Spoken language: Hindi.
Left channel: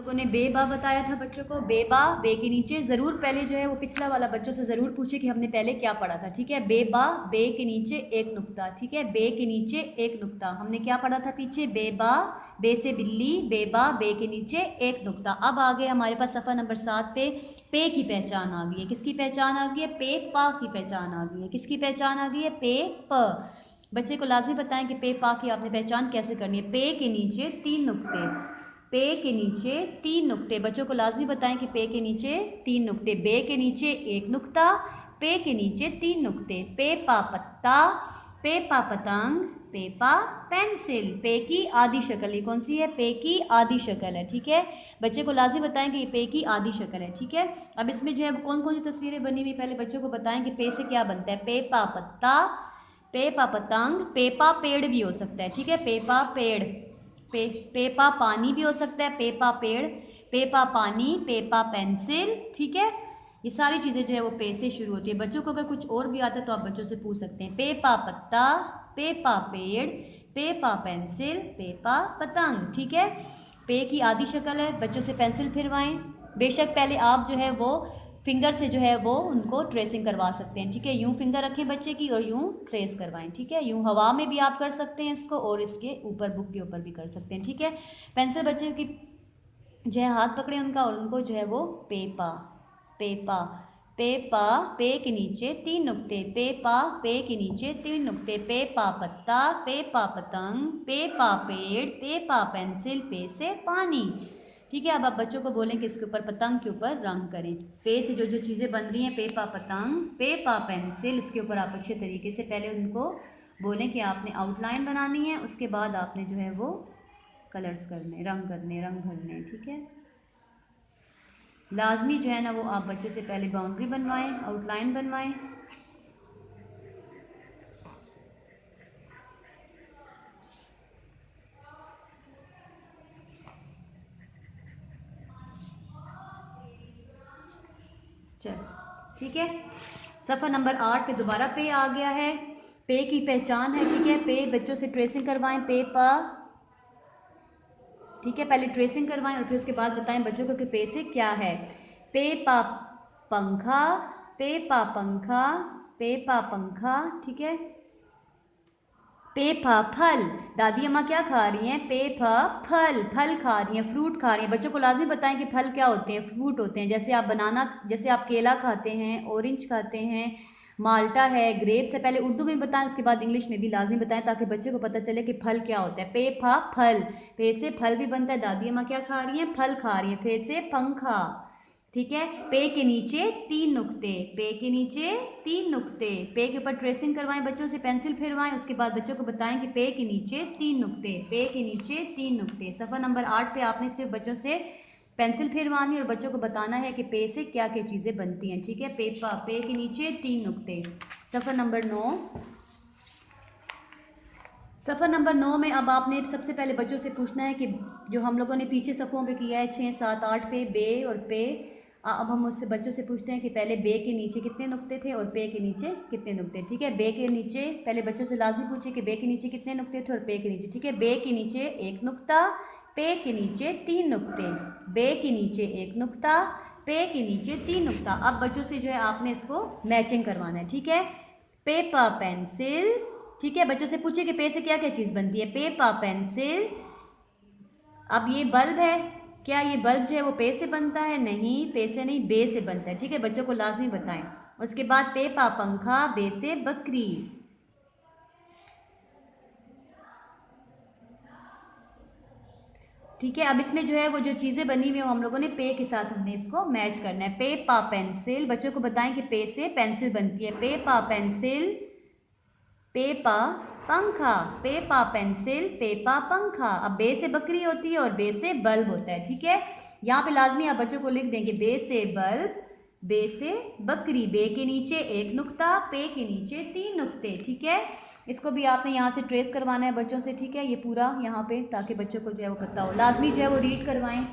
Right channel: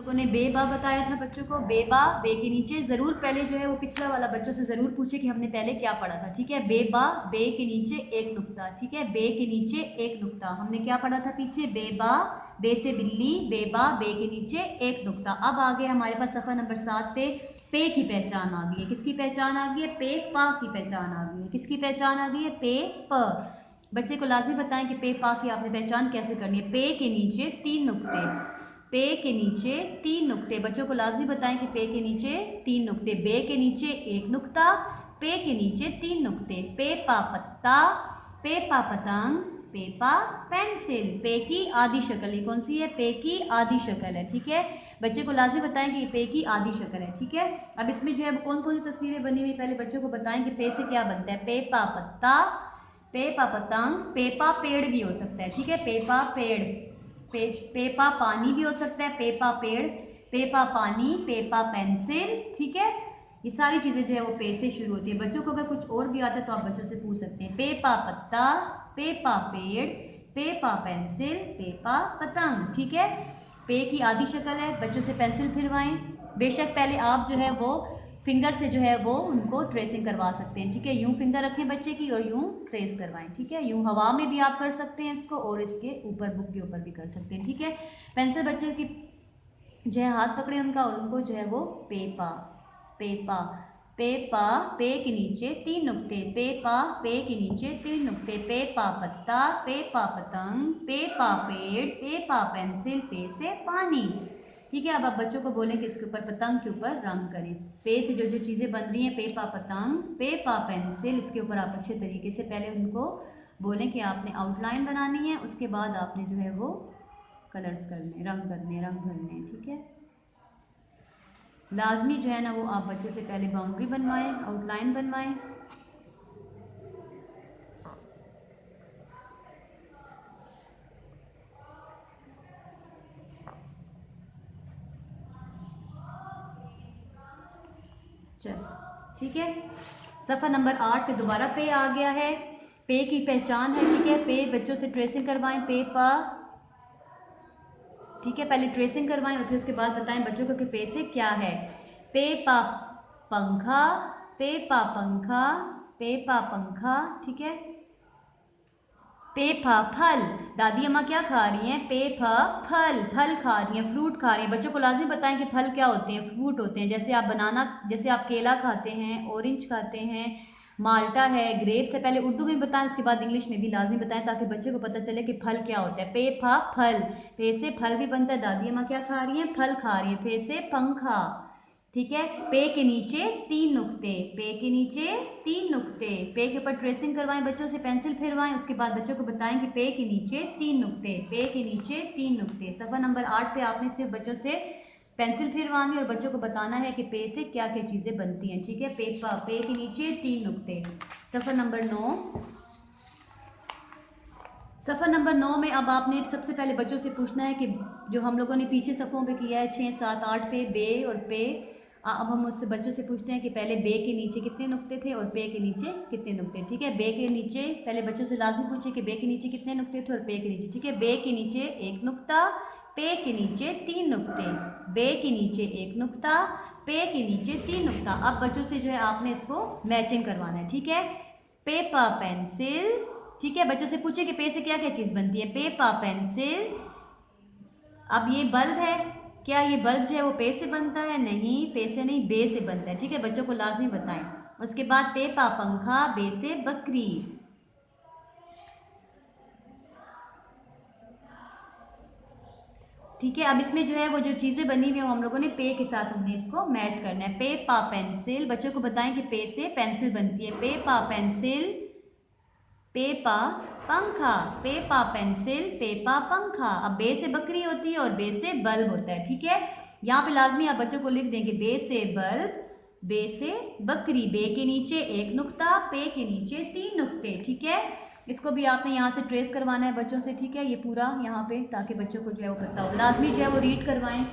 लोगों ने बेबा बताया था बच्चों को। बेबा, बे के नीचे ज़रूर पहले जो है वो पिछला वाला बच्चों से ज़रूर पूछे कि हमने पहले क्या पढ़ा था। ठीक है, बेबा, बे के नीचे एक नुक्ता। ठीक है, बे के नीचे एक नुक्ता हमने क्या पढ़ा था पीछे? बेबा, बे से बिल्ली, बेबा, बे के नीचे एक नुक्ता। अब आ गया हमारे पास सफ़ा नंबर 7 पे की पहचान आ गई है। किसकी पहचान आ गई है? पे पा की पहचान आ गई है। किसकी पहचान आ गई है? पे प। बच्चे को लाजमी बताएं कि पे पा की आपने पहचान कैसे करनी है। पे के नीचे 3 नुक्ते, पे के नीचे 3 नुक्ते। बच्चों को लाजमी बताएं कि पे के नीचे 3 नुक्ते। बे के नीचे एक नुक्ता, पे के नीचे 3 नुक्ते। पे पा पत्ता, पे पा पतंग, पे पा पेंसिल। पे की आधी शक्ल, ये कौन सी है? पे की आधी शक्ल है। ठीक है, बच्चे को लाजमी बताएं कि ये पे की आधी शक्ल है। ठीक है, अब इसमें जो है कौन कौन सी तस्वीरें बनी हुई पहले बच्चों को बताएं कि पे से क्या बनता है। पे पा पत्ता, पे पा पतंग, पे पा पेड़ भी हो सकता है। ठीक है, पे पा पेड़, पेपा पानी भी हो सकता है। पेपा पेड़, पेपा पानी, पेपा पेंसिल। ठीक है, ये सारी चीज़ें जो है वो पे से शुरू होती है। बच्चों को अगर कुछ और भी आता है तो आप बच्चों से पूछ सकते हैं। पेपा पत्ता, पेपा पेड़, पेपा पेंसिल, पेपा पतंग। ठीक है, पे की आधी शक्ल है। बच्चों से पेंसिल फिरवाएं। बेशक पहले आप जो है वो फिंगर से जो है वो उनको ट्रेसिंग करवा सकते हैं। ठीक है, यूं फिंगर रखें बच्चे की और यूं ट्रेस करवाएं। ठीक है, यूं हवा में भी आप कर सकते हैं इसको और इसके ऊपर बुक के ऊपर भी कर सकते हैं। ठीक है, पेंसिल बच्चे की जो है हाथ पकड़े उनका और उनको जो है वो पेपा, पेपा, पेपा, पे के नीचे 3 नुक्ते, पेपा, पे के नीचे 3 नुक्ते, पेपा पत्ता, पेपा पतंग, पेपा पेड़, पेपा पेंसिल, पे से पानी। ठीक है, अब आप बच्चों को बोलें कि इसके ऊपर पतंग के ऊपर रंग करें। पे से जो जो चीज़ें बन रही हैं, पेपा पतंग, पेपा पेंसिल, इसके ऊपर आप अच्छे तरीके से पहले उनको बोलें कि आपने आउटलाइन बनानी है, उसके बाद आपने जो है वो कलर्स करने, रंग करने, रंग भरने। ठीक है, लाजमी जो है ना वो आप बच्चे से पहले बाउंड्री बनवाएं, आउटलाइन बनवाएं। चलो ठीक है, सफ़ा नंबर 8 पे दोबारा पे आ गया है। पे की पहचान है। ठीक है, पे बच्चों से ट्रेसिंग करवाएं। पे पा, ठीक है, पहले ट्रेसिंग करवाएं और फिर उसके बाद बताएं बच्चों को कि पे से क्या है। पे पा पंखा, पे पा पंखा, पे पा पंखा। ठीक है, पे फा फल, दादी अम्मा क्या खा रही हैं? पे फा फल, फल खा रही हैं, फ्रूट खा रही हैं। बच्चों को लाजिम बताएं कि फल क्या होते हैं? फ्रूट होते हैं। जैसे आप बनाना, जैसे आप केला खाते हैं, ऑरेंज खाते हैं, माल्टा है, ग्रेप्स है। पहले उर्दू में बताएं, उसके बाद इंग्लिश में भी लाजिम बताएं ताकि बच्चे को पता चले कि फल क्या होता है। पे फा फल, पे से फल भी बनता है। दादी अम्मा क्या खा रही हैं? फल खा रही हैं। पे से पंखा। ठीक है, पे के नीचे 3 नुक्ते, पे के नीचे 3 नुक्ते। पे के ऊपर ट्रेसिंग करवाएं, बच्चों से पेंसिल फिरवाएं, उसके बाद बच्चों को बताएं कि पे के नीचे 3 नुक्ते, पे के नीचे 3 नुक्ते। सफ़ा नंबर 8 पे आपने सिर्फ बच्चों से पेंसिल फिरवानी और बच्चों को बताना है कि पे से क्या क्या चीज़ें बनती हैं। ठीक है, पे के नीचे 3 नुक्ते। सफ़ा नंबर 9, सफ़ा नंबर 9 में अब आपने सबसे पहले बच्चों से पूछना है कि जो हम लोगों ने पीछे सफ़ों पे किया है 6, 7, 8 पे बे और पे, अब हम उससे बच्चों से पूछते हैं कि पहले बे के नीचे कितने नुक्ते थे और पे के नीचे कितने नुक्ते। ठीक है, बे के नीचे पहले बच्चों से लाजमी पूछे कि बे के नीचे कितने नुक्ते थे और पे के नीचे। ठीक है, बे के नीचे एक नुक्ता, पे के नीचे 3 नुक्ते, बे के नीचे एक नुक्ता, पे के नीचे 3 नुक्ता। अब बच्चों से जो है आपने इसको मैचिंग करवाना है। ठीक है, पेपा पेंसिल। ठीक है, बच्चों से पूछे कि पे से क्या क्या चीज़ बनती है। Peppa pencil. अब ये बल्ब है, क्या ये बल्ब जो है वो पे से बनता है? नहीं, पे से नहीं, बे से बनता है। ठीक है, बच्चों को लाजमी बताएं। उसके बाद पेपा पंखा, बे से बकरी। ठीक है, अब इसमें जो है वो जो चीज़ें बनी हुई है हम लोगों ने पे के साथ हमने इसको मैच करना है। पे पा पेंसिल, बच्चों को बताएं कि पे से पेंसिल बनती है। पे पा पेंसिल, पेपा पंखा, पेपा पेंसिल, पेपा पंखा। अब बे से बकरी होती है और बे से बल्ब होता है। ठीक है, यहाँ पे लाजमी आप बच्चों को लिख देंगे बे से बल्ब, बे से बकरी। बे के नीचे एक नुक्ता, पे के नीचे 3 नुक्ते। ठीक है, इसको भी आपने यहाँ से ट्रेस करवाना है बच्चों से। ठीक है, ये पूरा यहाँ पे, ताकि बच्चों को जो है वो पता हो। लाजमी जो है वो रीड करवाएं।